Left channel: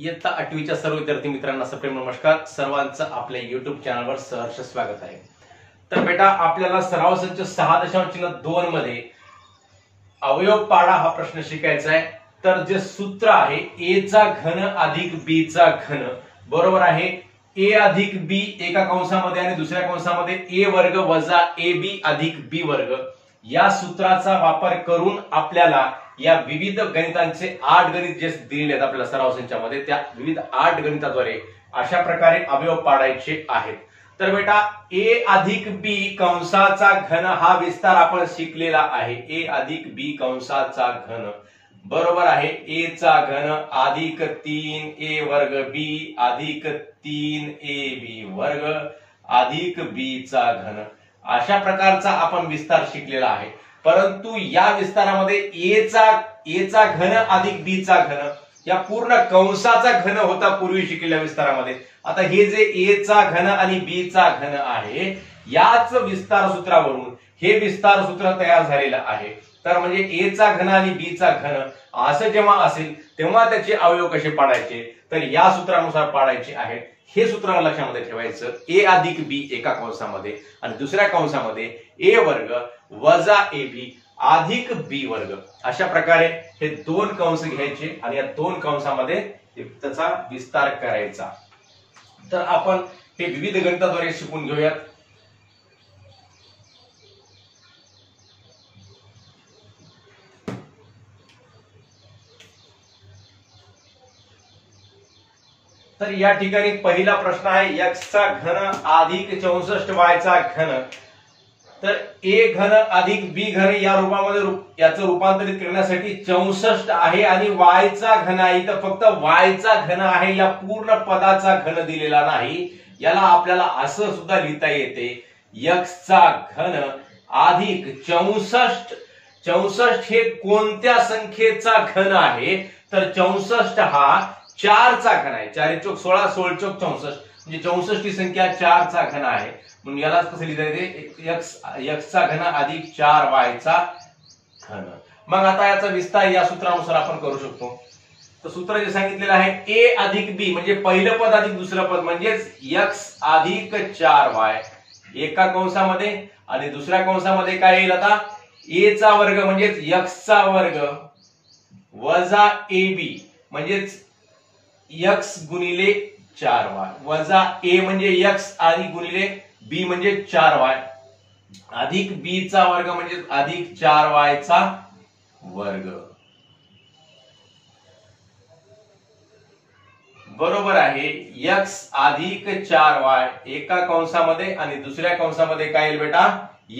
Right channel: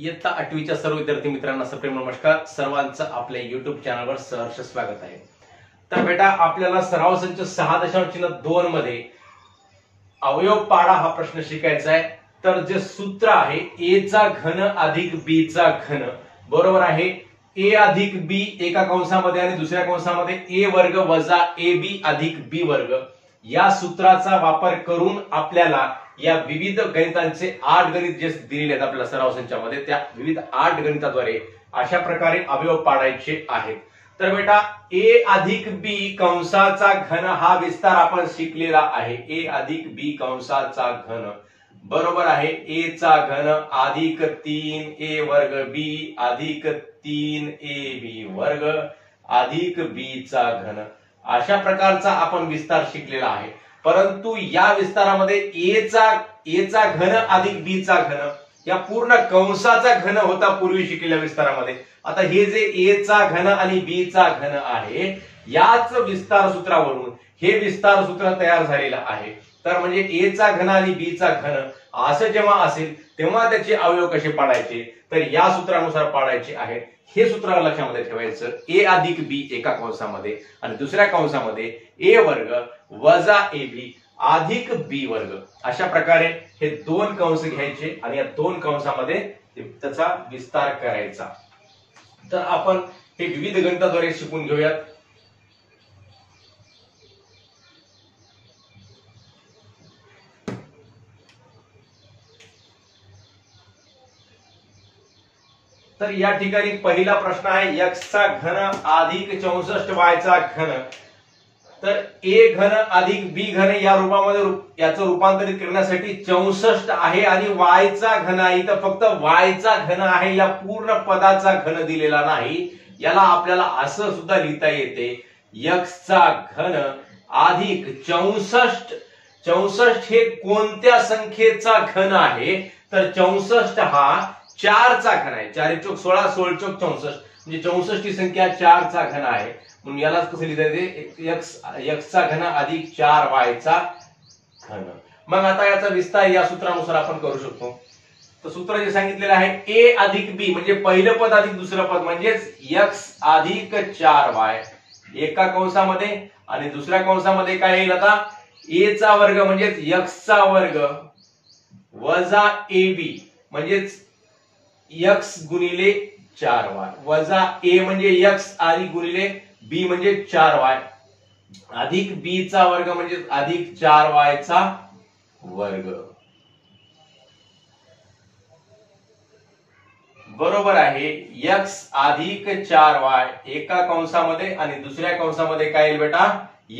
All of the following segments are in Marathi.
इयत्ता 8वीच्या सर्व विद्यार्थी मित्रांना सप्रेम नमस्कार. सर्वांचं आपल्या युट्यूब चॅनलवर सहर्ष स्वागत आहे. तर बेटा, आपल्याला सराव संच 6.2 मध्ये अवयव पाडा हा प्रश्न शिकायचा आहे. तर जे सूत्र आहे ए चा घन अधिक बी चा घन बरोबर आहे ए अधिक बी एका कंसामध्ये आणि दुसऱ्या कंसामध्ये ए वर्ग वजा ए बी अधिक बी वर्ग या सूत्राचा वापर करून आपल्याला या विविध गणितांचे 8 गणित जे दिलेले आहेत आपल्याला सराव संचामध्ये त्या विविध 8 गणिताद्वारे अशा प्रकारे अवयव पाडायचे आहेत. तर बेटा, ए अधिक बी कंसाचा घन हा विस्तार आपण शिकलेला आहे. ए अधिक बी कंसाचा घन बरोबर आहे ए चा घन अधिक 3a वर्ग बी अधिक 3ab वर्ग अधिक बी चा घन अशा प्रकारचा आपण विस्तार शिकलेला आहे. परंतु या विस्तारामध्ये ए चा घन अधिक बी चा घन या पूर्ण कंसाचा घन होता पूर्वी शिकलेल्या विस्तारामध्ये. आता हे जे ए चा घन आणि बी चा घन आहे याच विस्तार सूत्रावरून हे विस्तार सूत्र तयार झालेलं आहे. तर म्हणजे ए चा घन आणि बी चा घन असं जेव्हा असेल तेव्हा त्याचे अवयव कसे पाडायचे तर या सूत्रानुसार पाडायचे आहेत. हे सूत्र लक्षामध्ये ठेवायचं. ए अधिक बी एका कंसामध्ये आणि दुसऱ्या कंसामध्ये ए वर्ग वजा ए बी अधिक बी वर्ग अशा प्रकारे हे 2 कंस घ्यायचे आणि या 2 कंसामध्ये त्याचा विस्तार करायचा. तर आपण हे विविध गणिताद्वारे शिकून घेऊयात. तर या ठिकाणी पहिला प्रश्न आहे x चा घन अधिक 64y चा घन. तर ए घन अधिक बी घन या रूपामध्ये याचं रूपांतरित करण्यासाठी 64 आहे आणि y चा घन आहे. तर फक्त y चा घन आहे, या पूर्ण पदाचा घन दिलेला नाही. याला आपल्याला असं सुद्धा लिहिता येते x चा घन अधिक 64 हे कोणत्या संख्येचा घन आहे तर 64 हा 4 चा घन आहे. 4 चौक 16 16 चौक 64 म्हणजे 64 ही संख्या 4 चा घन आहे. म्हणून यालाच कसं लिहिता येते x चा घन अधिक 4y चा घन. मग आता याचा विस्तार या सूत्रानुसार आपण करू शकतो. तर सूत्र जे सांगितलेलं आहे ए अधिक बी म्हणजे पहिलं पद अधिक दुसरं पद म्हणजेच x अधिक 4y एका कंसामध्ये आणि दुसऱ्या कंसामध्ये काय येईल आता ए चा वर्ग म्हणजेच x चा वर्ग वजा ab म्हणजेच x गुणिले 4y वजा a म्हणजे x आणि गुणिले b म्हणजे 4y अधिक b चा वर्ग म्हणजे अधिक 4y चा वर्ग बरोबर आहे. x अधिक 4y एका कंसामध्ये आणि दुसऱ्या कंसामध्ये काय येईल बेटा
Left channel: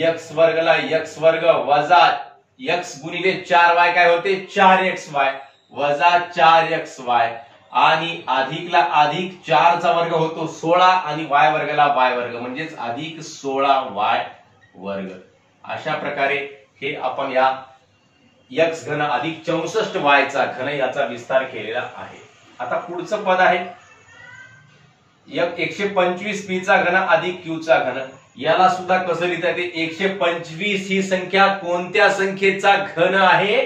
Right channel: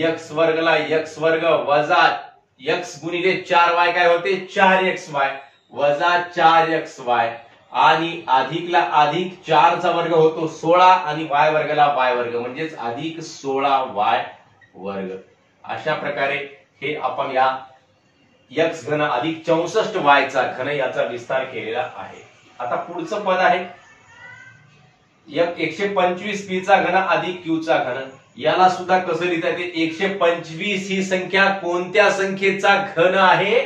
x वर्गला x वर्ग वजा x गुणिले 4y काय होते 4xy वजा 4xy आणि अधिकला अधिक 4 चा वर्ग होतो 16 आणि y वर्गला y वर्ग म्हणजेच अधिक 16y वर्ग. अशा प्रकारे हे आपण या x घन अधिक 64y चा घन याचा विस्तार केलेला आहे. आता पुढचं पद आहे 125 p चा घन अधिक q चा घन. याला सुद्धा कसं लिहिता येते 125 ही संख्या कोणत्या संख्येचा घन आहे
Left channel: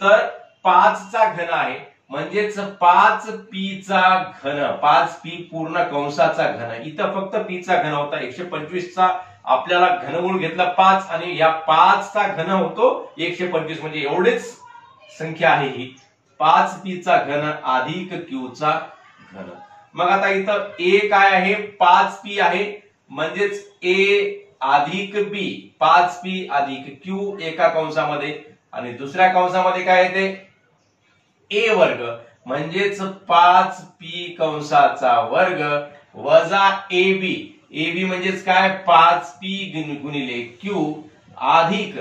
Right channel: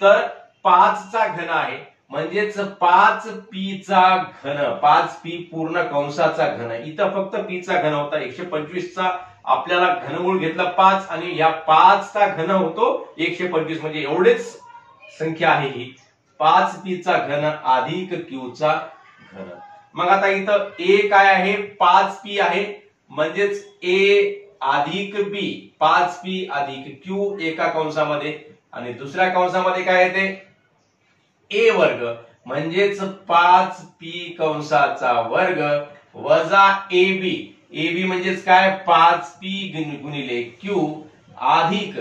तर 5 चा घन आहे. म्हणजेच 5p चा घन 5p पूर्ण कंसाचा घन. इथं फक्त p चा घन होता 125 चा आपल्याला घनमूळ घेतला 5 आणि या 5 चा घन होतो 125 म्हणजे एवढेच संख्या आहे ही 5p चा घन अधिक q चा घन. मग आता इथं a काय आहे 5p आहे म्हणजेच a अधिक b 5p अधिक q एका कंसामध्ये आणि दुसऱ्या कंसामध्ये काय येते ए वर्ग म्हणजेच 5p कंसाचा वर्ग वजा ab म्हणजेच काय 5p गुणिले q अधिक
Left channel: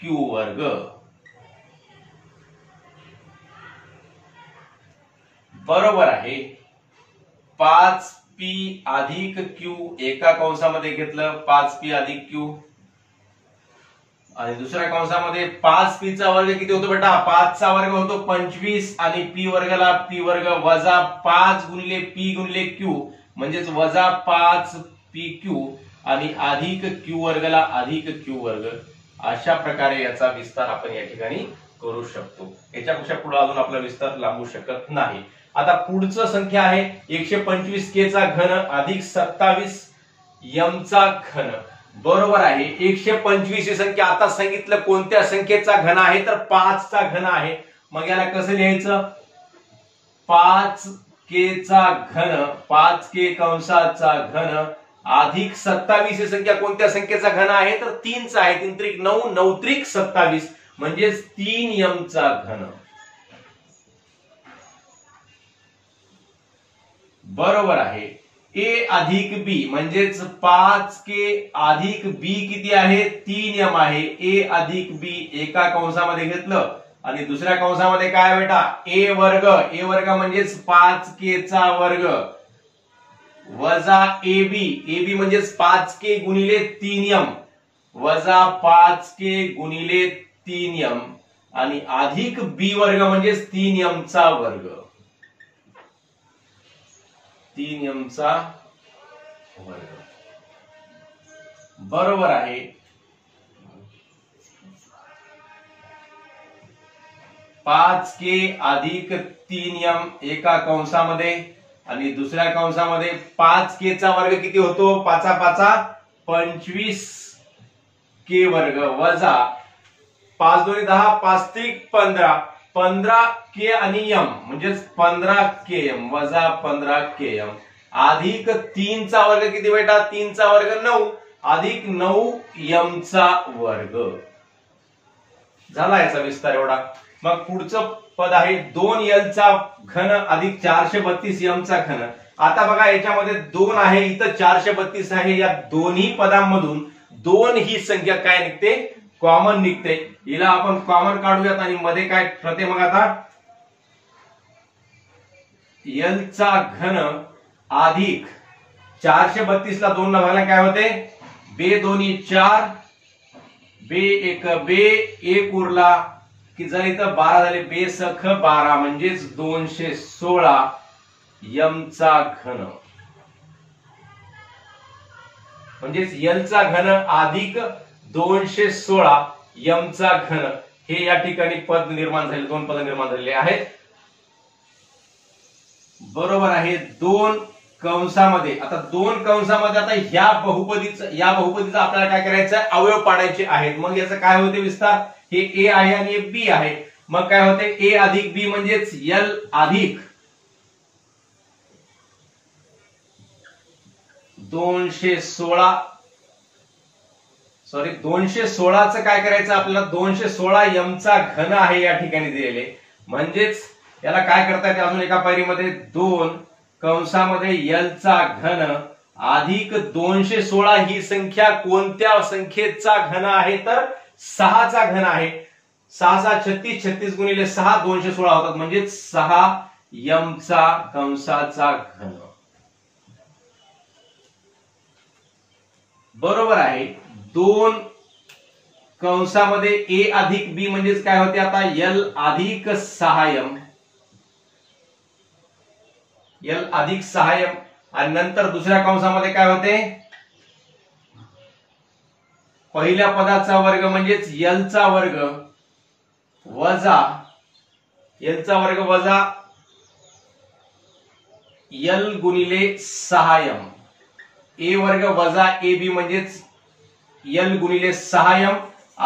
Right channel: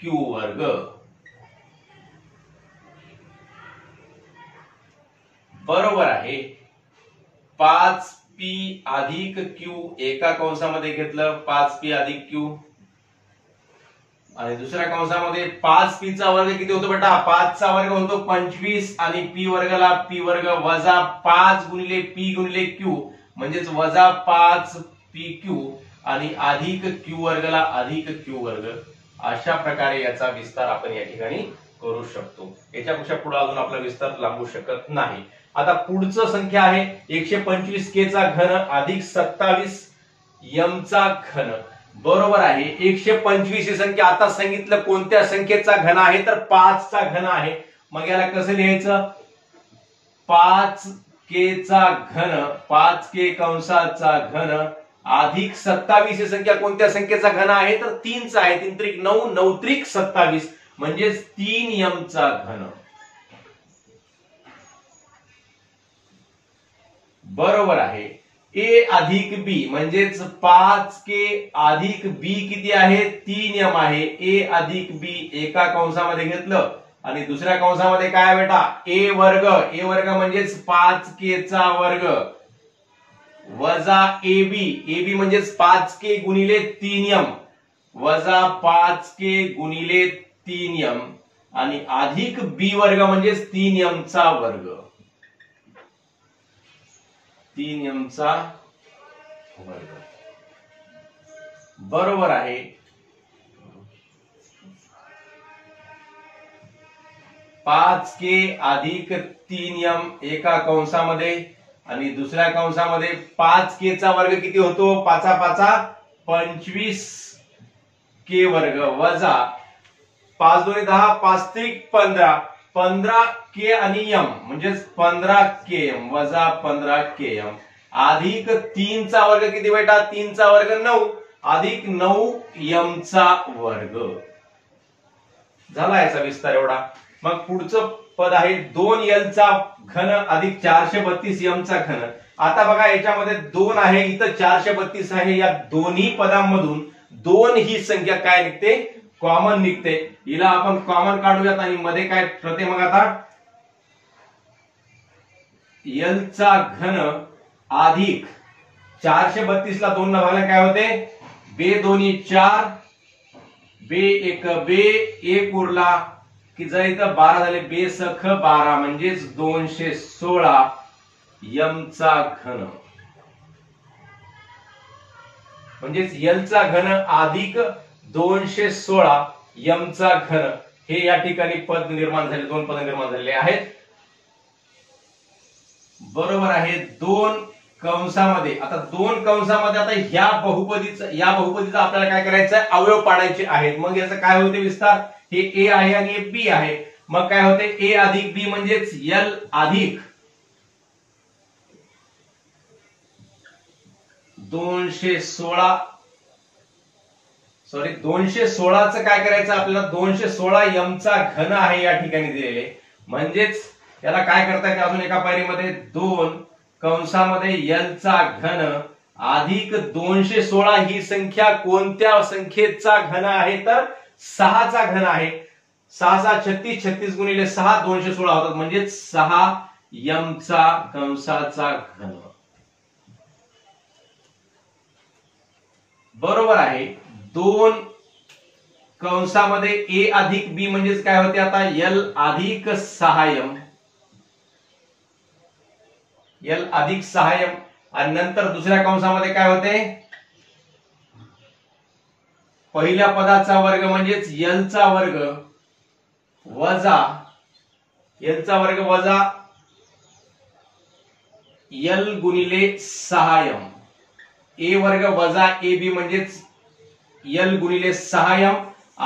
q वर्ग बरोबर आहे. 5p अधिक q एका कंसामध्ये घेतलं 5p अधिक q आणि दुसऱ्या कंसामध्ये 5p चा वर्ग किती होतो बेटा 5 चा वर्ग होतो 25 आणि p वर्गला p वर्ग वजा 5 गुणिले p गुणिले q म्हणजेच वजा 5pq आणि अधिक q वर्गला अधिक q वर्ग. अशा प्रकारे याचा विस्तार आपण या ठिकाणी करू शकतो. याच्यापेक्षा पुढे अजून आपला विस्तार लांबू शकत नाही. आता पुढचं संख्या आहे 125k चा घन अधिक 27 m चा घन, बरोबर आहे. 125 ही संख्या आता सांगितलं कोणत्या संख्येचा घन आहे तर 5 चा घन आहे. मग याला कसं लिहायचं, 5k चा घन, 5k कंसाचा घन अधिक 27 ही संख्या कोणत्या संख्येचा घन आहे तर 3 चा आहे. 3 त्रिक 9, 9 त्रिक 27 म्हणजे 3m चा घन, बरोबर आहे. a अधिक b म्हणजेच 5k अधिक b किती आहे 3m आहे. a अधिक b एका कंसामध्ये घेतलं आणि दुसऱ्या कंसामध्ये काय बेटा a वर्ग म्हणजेच 5k चा वर्ग वजा ab म्हणजेच 5k गुणिले 3m वजा 5k गुणिले 3m आणि अधिक b वर्ग म्हणजेच 3m चा वर्ग, 3m चा वर्ग, बरोबर आहे. पाच के अधिक 3m एका कंसामध्ये आणि दुसऱ्या कंसामध्ये 5k चा वर्ग किती होतो 5 5 25k वर्ग वजा 5 2 10 5 3 15 15k आणि m म्हणजेच 15km वजा 15km अधिक 3 चा वर्ग किती बेटा 3 चा वर्ग 9 अधिक 9m चा वर्ग. झाला याचा विस्तार एवढा. मग पुढचं पद आहे 2l चा घन अधिक 432m चा घन. आता बघा याच्यामध्ये 2 आहे इथं 432 आहे. या दोन्ही पदांमधून 2 ही संख्या काय निघते कॉमन निघते. हिला आपण कॉमन काढूयात आणि मध्ये काय ठरते मग आता l चा घन अधिक 432 ला 2 ला भागला काय होते बे दोन्ही 4 बे एक बे एक उरला की जर इथं 12 झाले बे सख 12 म्हणजेच 216 m चा घन म्हणजेच l चा घन अधिक 216 m चा घन हे या ठिकाणी पद निर्माण झाले 2 पद निर्माण झालेले आहेत. बरोबर आहे. 2 कंसामध्ये आता 2 कंसामध्ये आता या बहुपदीचा आपल्याला काय करायचं आहे अवयव पाडायचे आहेत. मग याचं काय होते विस्तार हे a आहे आणि हे b आहे. मग काय होते a अधिक b म्हणजेच l अधिक 216 चं काय करायचं आपल्याला 216 m चा घन आहे या ठिकाणी दिलेले. म्हणजेच याला काय करता येते अजून एका पायरीमध्ये 2 कंसामध्ये l चा घन अधिक 216 ही संख्या कोणत्या संख्येचा घन आहे तर 6 चा घन आहे. 6 6 36 36 गुणिले 6 216 होतात म्हणजे 6 m चा कंसाचा घन. बरोबर आहे. 2 कंसामध्ये a अधिक b म्हणजेच काय होते आता l अधिक 6m l अधिक 6m आणि नंतर दुसऱ्या कंसामध्ये काय होते पहिल्या पदाचा वर्ग म्हणजेच l चा वर्ग वजा l गुणिले 6m a वर्ग वजा ab म्हणजेच l गुणिले 6m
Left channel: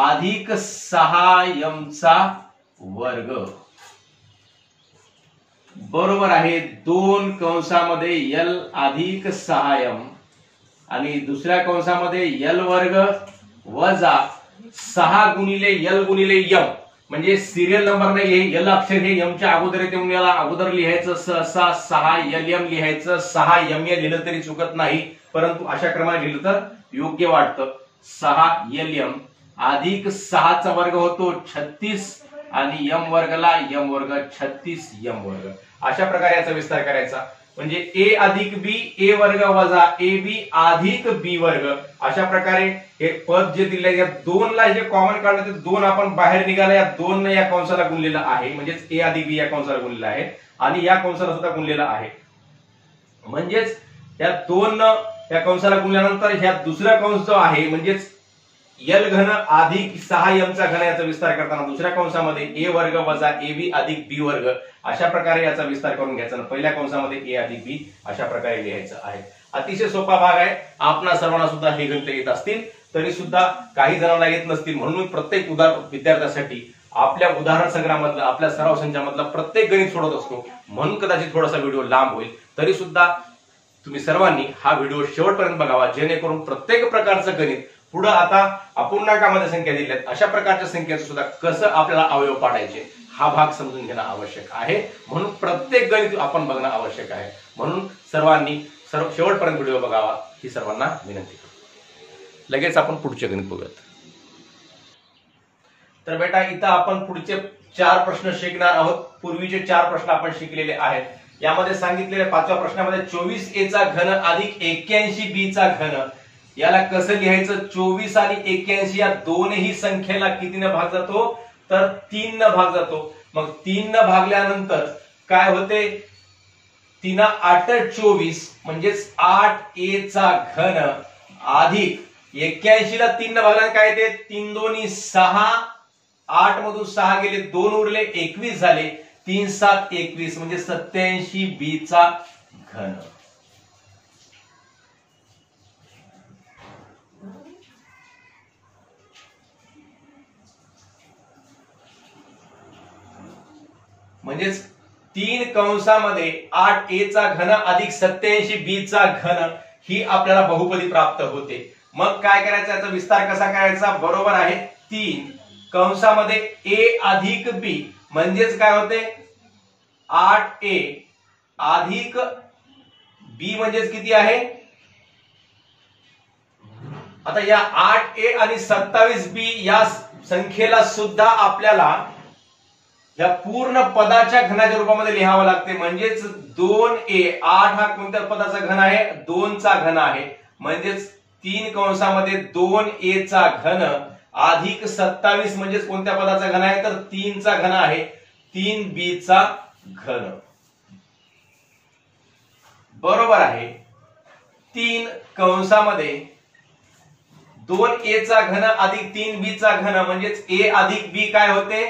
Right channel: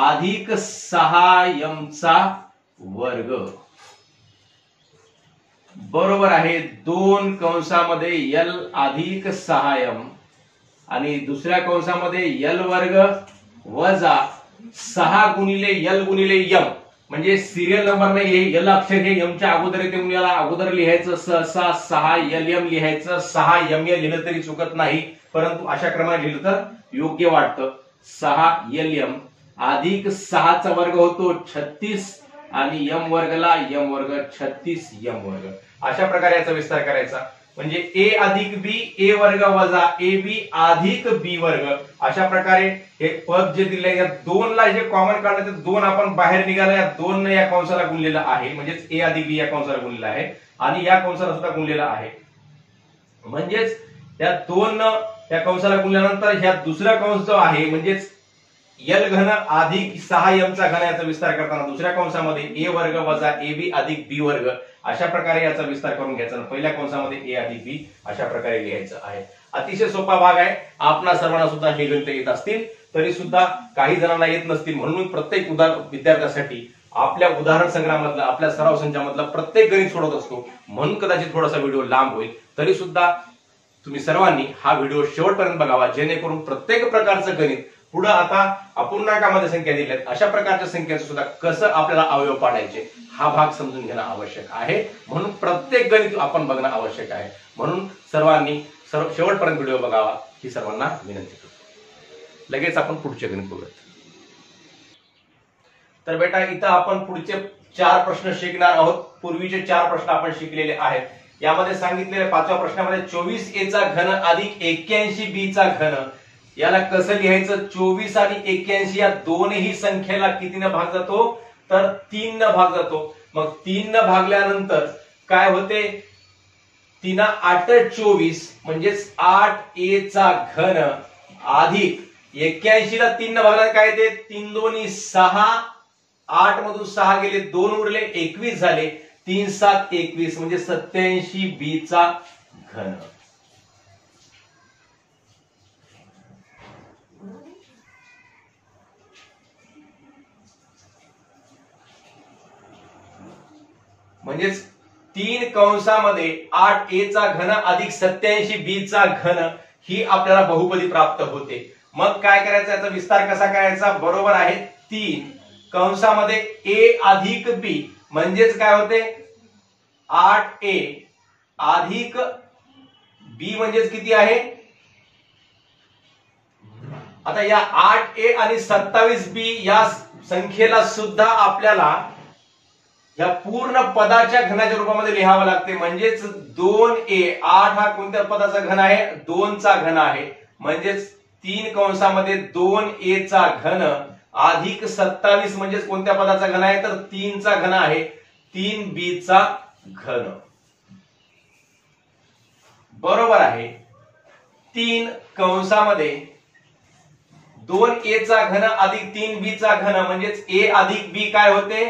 अधिक 6m चा वर्ग. बरोबर आहे. 2 कंसामध्ये l अधिक 6m आणि दुसऱ्या कंसामध्ये l वर्ग वजा 6 गुणिले l गुणिले m म्हणजे सिरियल नंबर नाही हे l अक्षर हे m च्या अगोदर येते म्हणून याला अगोदर लिहायचं सहसा 6lm लिहायचं 6m लिहिलं तरी चुकत नाही परंतु अशा क्रमाने लिहिलं तर योग्य वाटतं. 6lm अधिक 6 चा वर्ग होतो 36 आणि m वर्गला m वर्ग 36m वर्ग. अशा प्रकारे याचा विस्तार करायचा म्हणजे a अधिक b a वर्ग वजा ab अधिक b वर्ग. अशा प्रकारे हे पद जे दिले या 2 ला जे कॉमन काढलं ते 2 आपण बाहेर निघाला या 2 ने या कंसाला गुणलेलं आहे म्हणजेच a अधिक b या कंसाला गुणलेलं आहे आणि या कंसाला सुद्धा गुणलेलं आहे. म्हणजेच या 2 या कंसाला गुणल्यानंतर ह्या दुसरा कंस जो आहे म्हणजेच एल घन अधिक 6m चा घन याचा विस्तार करताना दुसऱ्या कंसामध्ये ए वर्ग वजा ab अधिक बी वर्ग अशा प्रकारे याचा विस्तार करून घ्यायचा आणि पहिल्या कंसामध्ये ए अधिक बी अशा प्रकारे लिहायचं आहे. अतिशय सोपा भाग आहे. आपणा सर्वांना सुद्धा हे गणित येत असतील तरी सुद्धा काही जणांना येत नसतील, म्हणून प्रत्येक विद्यार्थ्यासाठी आपल्या उदाहरण संग्रहामधलं आपल्या सराव संचामधलं प्रत्येक गणित सोडवत असतो, म्हणून कदाचित थोडासा व्हिडिओ लांब होईल. तरी सुद्धा तुम्ही सर्वांनी हा व्हिडिओ शेवटपर्यंत बघावा, जेणेकरून प्रत्येक प्रकारचं गणित पुढे आता अपूर्णांकामध्ये संख्या दिल्यात अशा प्रकारच्या संख्येचं सुद्धा कसं आपल्याला अवयव पाडायचे हा भाग समजून घेणं आवश्यक आहे. म्हणून प्रत्येक गणित आपण बघणं आवश्यक आहे. म्हणून सर्वांनी शेवटपर्यंत व्हिडिओ बघावा ही सर्वांना विनंती करतो. लगेच आपण पुढचे गणित बघूयात. तर बेटा इथं आपण पुढचे 4 प्रश्न शिकणार आहोत. पूर्वीचे 4 प्रश्न आपण शिकलेले आहेत. यामध्ये सांगितलेल्या 5व्या प्रश्नामध्ये 24a चा घन अधिक 81b चा घन याला कसं लिहायचं. 24 आणि 81 या दोनही संख्येला कितीने भाग जातो तर 3 ने भाग जातो. मग 3 ने भागल्यानंतर काय होते 3 8 24 म्हणजेच 8a चा घन अधिक 81 ला 3 ने भागल्याने काय येते 3 2 6 8 मधून 6 गेले 2 उरले 21 झाले 3 7 21 म्हणजे 87b चा घन. म्हणजेच 3 कंसामध्ये 8a चा घन अधिक 87b चा घन ही आपल्याला बहुपदी प्राप्त होते. मग काय करायचं याचा विस्तार कसा करायचा. बरोबर आहे 3 कंसामध्ये a अधिक b म्हणजेच काय होते 8a अधिक b म्हणजेच किती आहे. आता या 8a आणि 27b या संख्येला सुद्धा आपल्याला या पूर्ण पदाच्या घनाच्या रूपामध्ये लिहावं लागते. म्हणजेच 2a 8 हा कोणत्या पदाचा घन आहे 2 चा घन आहे. म्हणजेच 3 कंसामध्ये 2a चा घन अधिक 27 म्हणजेच कोणत्या पदाचा घन आहे तर 3 चा घन आहे 3b चा घन. बरोबर आहे 3 कंसामध्ये 2a चा घन अधिक 3b चा घन म्हणजेच a अधिक b काय होते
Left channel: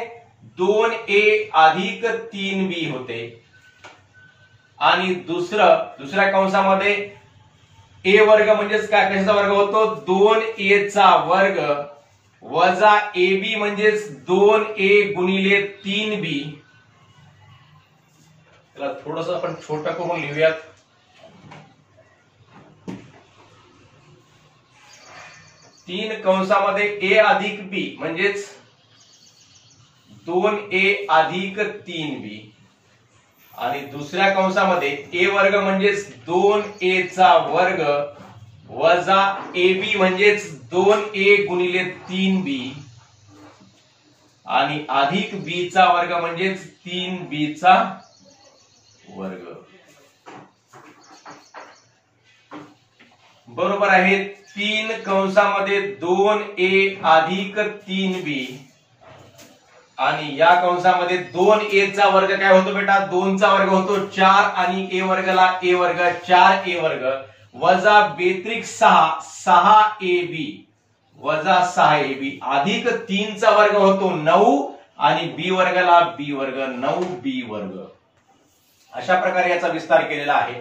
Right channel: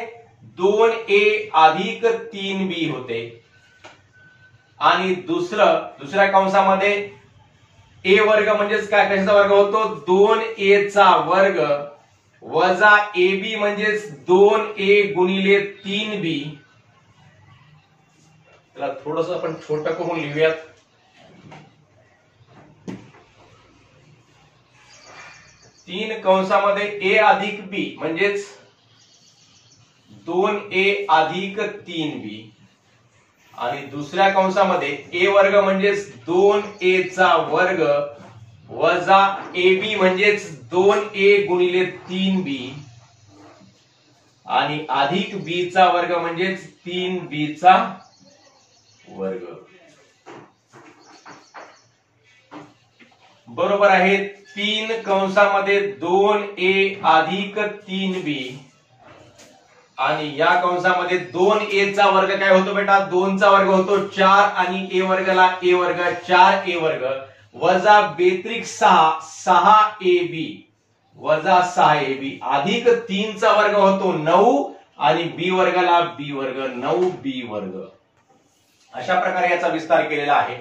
2a अधिक 3b होते. आणि दुसऱ्या कंसामध्ये a वर्ग म्हणजेच काय कशाचा वर्ग होतो 2a चा वर्ग वजा ab म्हणजेच 2a गुणिले 3b. त्याला थोडंसं आपण छोटं करून लिहूयात. तीन कंसामध्ये a अधिक b म्हणजेच 2a अधिक 3b आणि दुसऱ्या कंसामध्ये a वर्ग म्हणजेच 2a चा वर्ग वजा ab म्हणजेच 2a गुणिले 3b आणि अधिक b चा वर्ग म्हणजेच 3b चा वर्ग. बरोबर आहे 3 कंसामध्ये 2a अधिक 3b आणि या कंसामध्ये 2a चा वर्ग काय होतो बेटा 2 चा वर्ग होतो 4 आणि a वर्गला a वर्ग 4a वर्ग वजा बेत्रिक 6ab वजा 6ab अधिक 3 चा वर्ग होतो 9 आणि b वर्गला b वर्ग 9b वर्ग. अशा प्रकारे याचा विस्तार केलेला आहे.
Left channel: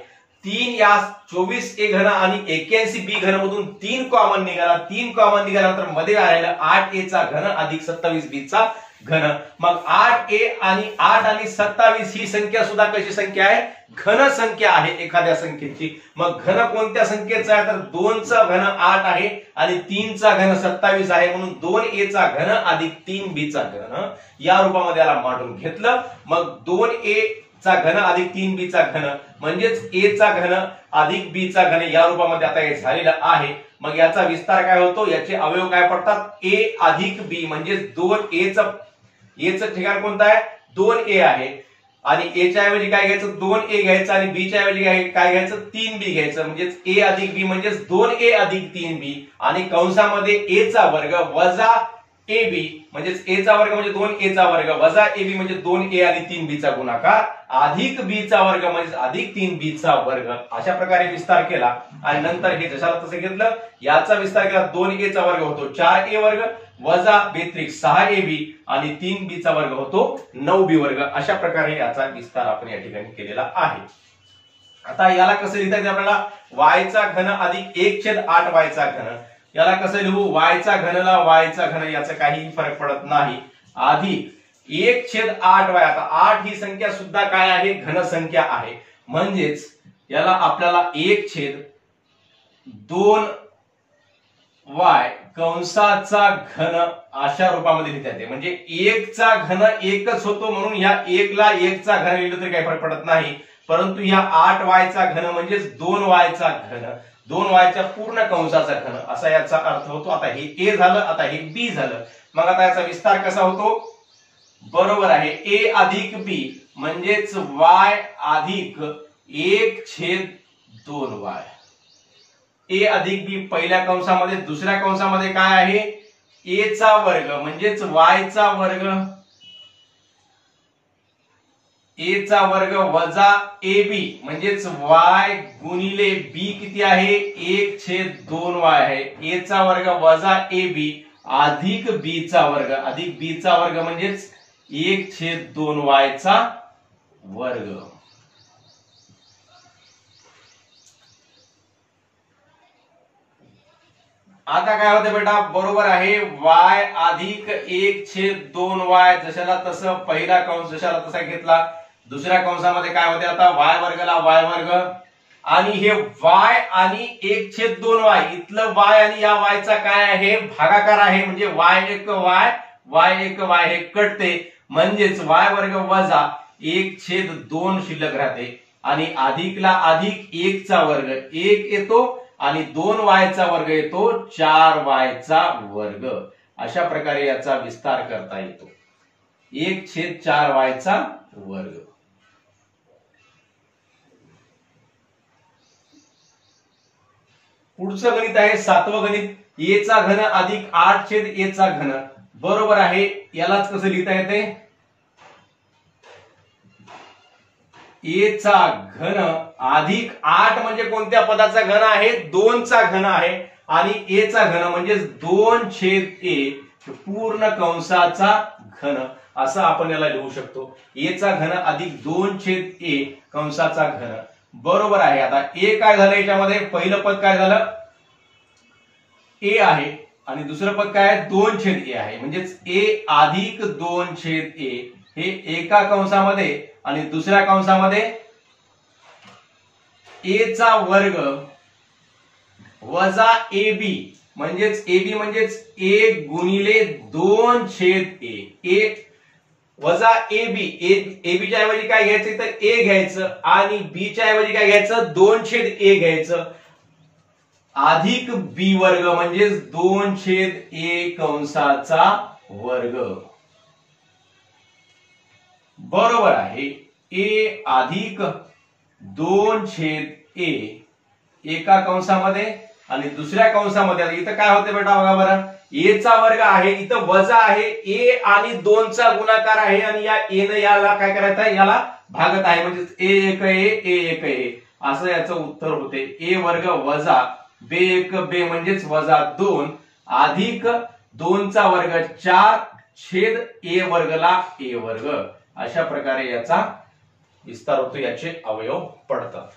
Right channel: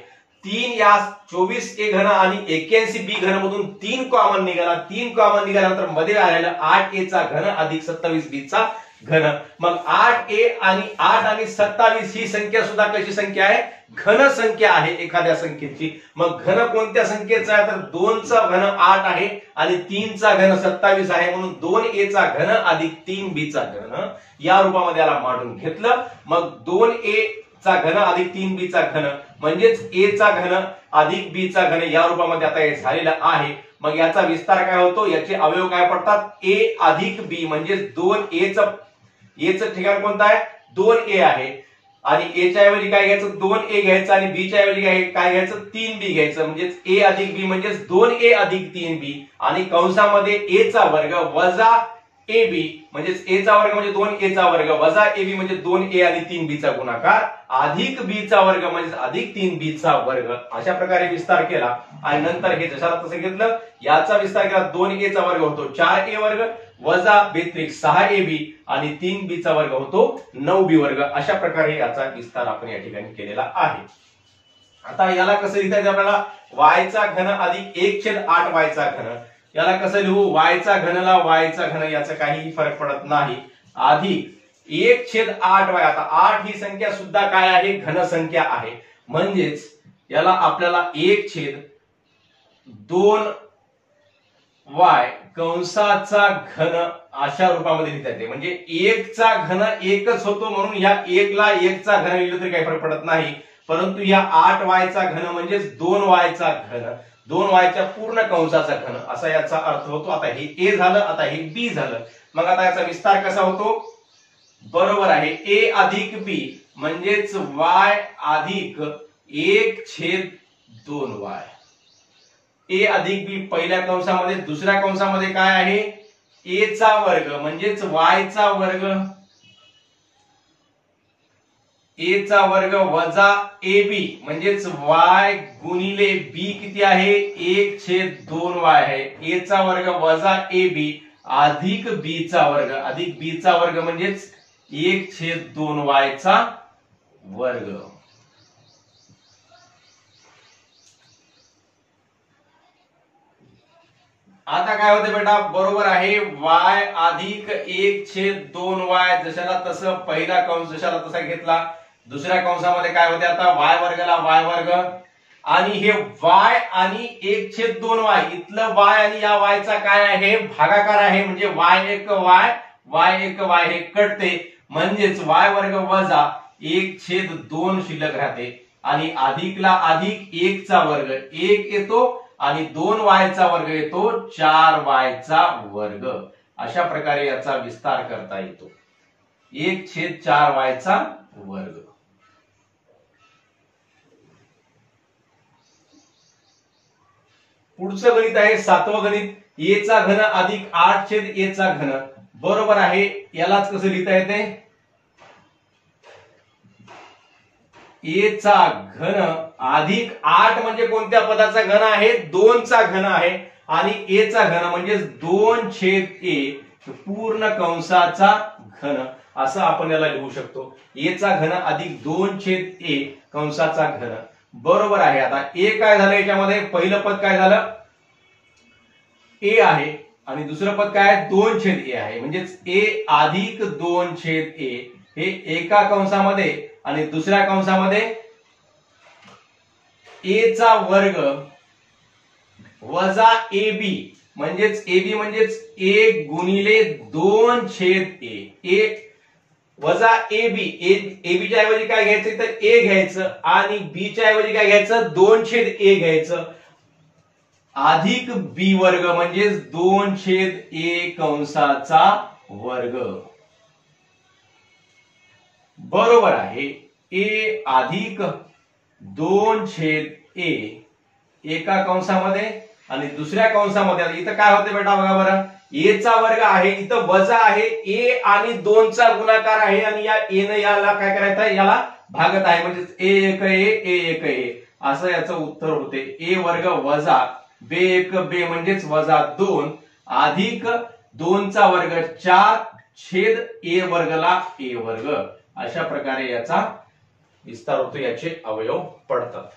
3 या 24a घन आणि 81b घन मधून 3 कॉमन निघाला. 3 कॉमन निघाल्यानंतर मध्ये आलेला 8a चा घन अधिक 27b चा घन. मग 8a आणि 8 आणि 27 ही संख्या सुद्धा कशी संख्या आहे घन संख्या आहे एखाद्या संख्येची. मग घन कोणत्या संख्येचा आहे तर 2 चा घन 8 आहे आणि 3 चा घन 27 आहे. म्हणून 2a चा घन अधिक 3b चा घन या रूपामध्ये याला मांडून घेतलं. मग 2a चा घन अधिक 3b चा घन म्हणजेच a चा घन अधिक b चा घन या रूपामध्ये आता हे झालेलं आहे. मग याचा विस्तार काय होतो याचे अवयव काय पडतात a अधिक b म्हणजेच 2a चं ठिकाण कोणतं आहे 2a आहे आणि a च्या ऐवजी काय घ्यायचं 2a घ्यायचं आणि b च्या ऐवजी काय घ्यायचं 3b घ्यायचं. म्हणजेच a अधिक b म्हणजेच 2a अधिक 3b आणि कंसामध्ये a चा वर्ग वजा ए बी म्हणजेच ए चा वर्ग म्हणजे 2a चा वर्ग वजा ए बी म्हणजे 2a आणि 3b चा गुणाकार अधिक b चा वर्ग म्हणजे अधिक 3b चा वर्ग अशा प्रकारे विस्तार केला आणि नंतर हे जशाला तसं घेतलं याचा विस्तार केला 2a चा वर्ग होतो 4a वर्ग वजा बेत्रिक 6ab आणि 3b चा वर्ग होतो 9b वर्ग अशा प्रकारे याचा विस्तार आपण या ठिकाणी केलेला आहे। आता याला कसं लिहिता येईल आपल्याला y चा घन अधिक 1/8 y चा घन याला कसं लिहू y चा घनला y चा घन याचा काहीही फरक पडत नाही अधिक 1/8 y आता 8 ही संख्या सुद्धा काय आहे घन संख्या आहे म्हणजेच याला आपल्याला 1/2 y कंसाचा घन अशा रूपामध्ये लिहिता येते म्हणजे 1 चा घन 1च होतो म्हणून ह्या 1 ला 1 चा घन लिहिलं तरी काही फरक पडत नाही परंतु या 8y चा घन म्हणजेच 2y चा घन 2y च्या पूर्ण कंसाचा घन असा याचा अर्थ होतो। आता हे a झालं आता हे b झालं मग आता याचा विस्तार कसा होतो बरोबर आहे a अधिक b म्हणजेच y अधिक 1/2y a अधिक b पहिल्या कंसामध्ये दुसऱ्या कंसामध्ये काय आहे a चा वर्ग म्हणजेच y चा वर्ग a चा वर्ग वजा ab म्हणजेच y गुणिले b किती आहे 1/2y आहे a चा वर्ग वजा ab अधिक b चा वर्ग अधिक b चा वर्ग म्हणजेच 1/2y चा वर्ग। आता काय होते बेटा बरोबर आहे y अधिक 1/2y जशाला तसं पहिला कंस जशाला तसा घेतला दुसऱ्या कंसामध्ये काय होते आता y वर्गाला y वर्ग आणि हे y आणि 1/2y इथलं y आणि या y चा काय आहे भागाकार आहे म्हणजे y1y हे कटते म्हणजेच y वर्ग वजा 1/2 शिल्लक राहते आणि अधिकला अधिक 1 चा वर्ग 1 येतो आणि 2y चा वर्ग येतो 4y चा वर्ग अशा प्रकारे याचा विस्तार करता येतो 1/4y चा वर्ग। पुढचं गणित आहे 7वं गणित a चा घन अधिक 8/a चा घन बरोबर आहे यालाच कसं लिहिता येते a चा घन अधिक 8 म्हणजे कोणत्या पदाचा घन आहे 2 चा घन आहे आणि a चा घन म्हणजे 2/a पूर्ण कंसाचा घन असं आपण याला लिहू शकतो a चा घन अधिक 2/a कंसाचा घन बरोबर आहे। आता a काय झालं याच्यामध्ये पहिलं पद काय झालं a आहे आणि दुसरं पद काय आहे 2/a आहे म्हणजेच a अधिक 2/a हे एका कंसामध्ये आणि दुसऱ्या कंसामध्ये a चा वर्ग वजा ab म्हणजेच ab म्हणजेच 1 गुणिले 2/a वजा ab च्या ऐवजी काय घ्यायचं तर a घ्यायचं आणि b च्या ऐवजी काय घ्यायचं 2/a घ्यायचं अधिक b वर्ग म्हणजेच 2/a कंसाचा वर्ग बरोबर आहे a अधिक 2/a एका कंसामध्ये आणि दुसऱ्या कंसामध्ये इथं काय होते बेटा बघा बरं a चा वर्ग आहे इथं वजा आहे a आणि 2 चा गुणाकार आहे आणि या a ने याला काय करायचं आहे याला भागत आहे म्हणजे a1a असं याचं उत्तर होते a वर्ग वजा b1b म्हणजेच वजा 2 अधिक 2 चा वर्ग 4/a वर्गला a वर्ग अशा प्रकारे याचा विस्तार होतो याचे अवयव पडतात।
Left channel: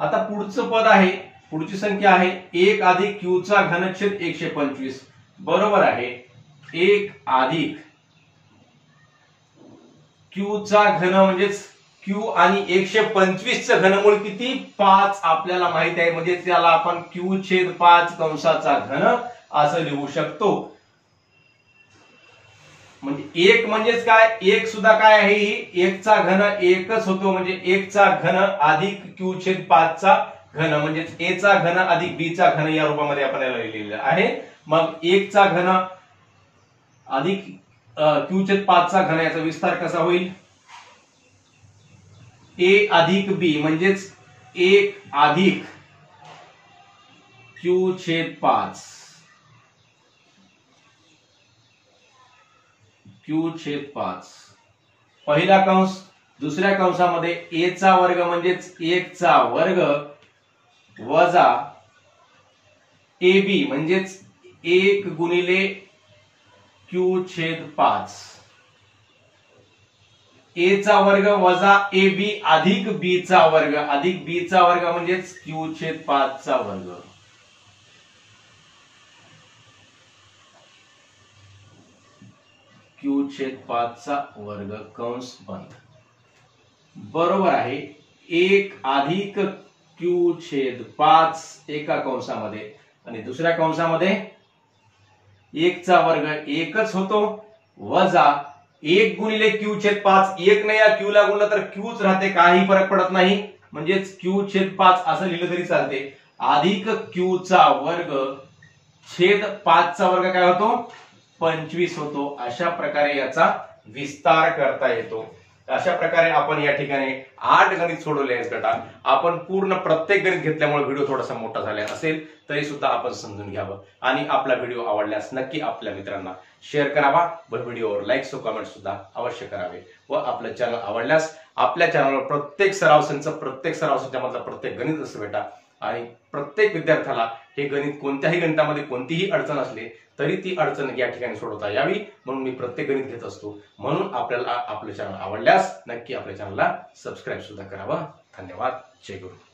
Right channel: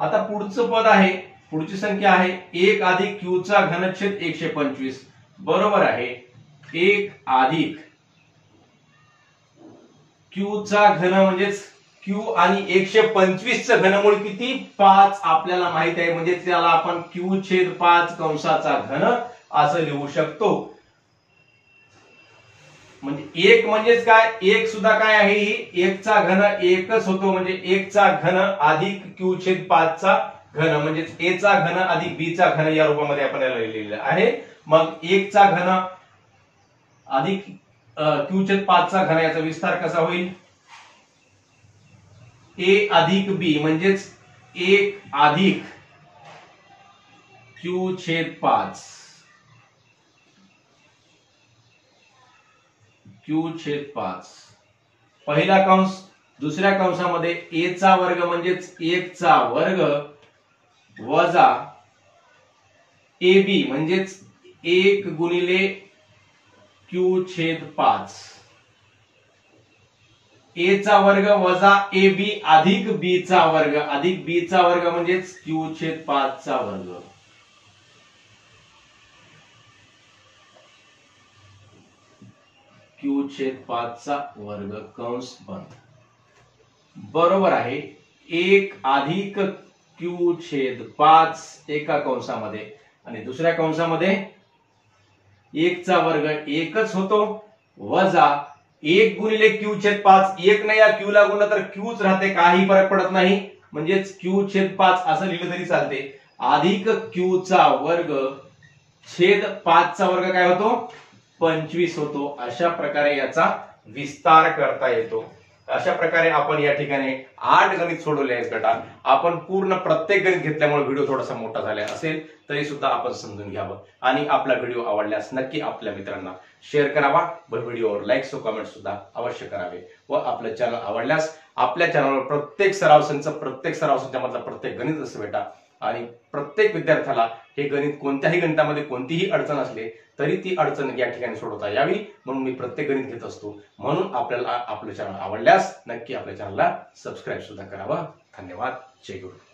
आता पुढचं पद आहे पुढची संख्या आहे 1 अधिक q चा घनछेद 125 बरोबर आहे 1 अधिक q चा घन म्हणजेच q आणि 125 चं घनमूळ किती 5 आपल्याला माहित आहे म्हणजे त्याला आपण q/5 कंसाचा घन असं लिहू शकतो म्हणजे 1 म्हणजेच काय 1 सुद्धा काय आहे ही 1 चा घन 1च होतो म्हणजे 1 चा घन अधिक q/5 चा घन म्हणजेच a चा घन अधिक b चा घन या रूपामध्ये आपण याला लिहिलेलं आहे मग 1 चा घन अधिक q/5 चा घन याचा विस्तार कसा होईल a अधिक b म्हणजेच 1 अधिक q/5 q/5 पहिला कंस, दुसऱ्या कंसामध्ये a चा वर्ग म्हणजेच 1 चा वर्ग वजा ab म्हणजेच 1 गुणिले q/5 a चा वर्ग वजा ab अधिक b चा वर्ग अधिक b चा वर्ग म्हणजेच q/5 चा वर्ग q/5 चा वर्ग कंस बंद बरोबर आहे 1 अधिक q/5 एका कंसामध्ये आणि दुसऱ्या कंसामध्ये 1 चा वर्ग 1च होतो वजा 1 गुणिले q/5 1 ने या q ला गुणलं तर qच राहते काही फरक पडत नाही म्हणजेच q/5 असं लिहिलं तरी चालते अधिक q चा वर्ग छेद 5 चा वर्ग काय होतो 25 होतो। अशा प्रकारे याचा विस्तार करता येतो। अशा प्रकारे आपण या ठिकाणी 8 गणित सोडवले आहेत गटात। आपण पूर्ण प्रत्येक गणित घेतल्यामुळे व्हिडिओ थोडासा मोठा झाला असेल तरी सुद्धा आपण समजून घ्यावं आणि आपला व्हिडिओ आवडल्यास नक्की आपल्या मित्रांना शेअर करावा व व्हिडिओवर लाईक व कमेंट सुद्धा अवश्य करावे व आपलं चॅनल आवडल्यास आपल्या चॅनलवर प्रत्येक सराव संच मधला प्रत्येक गणित असं भेटा आणि प्रत्येक विद्यार्थ्याला हे गणित कोणत्याही गणितामध्ये कोणतीही अडचण असली तरी ती अडचण या ठिकाणी सोडवता यावी म्हणून मी प्रत्येक गणित घेत असतो। म्हणून आपल्याला आपलं चॅनल आवडल्यास नक्की आपल्या चॅनलला सबस्क्राईब सुद्धा करावं। धन्यवाद। जय गुरु।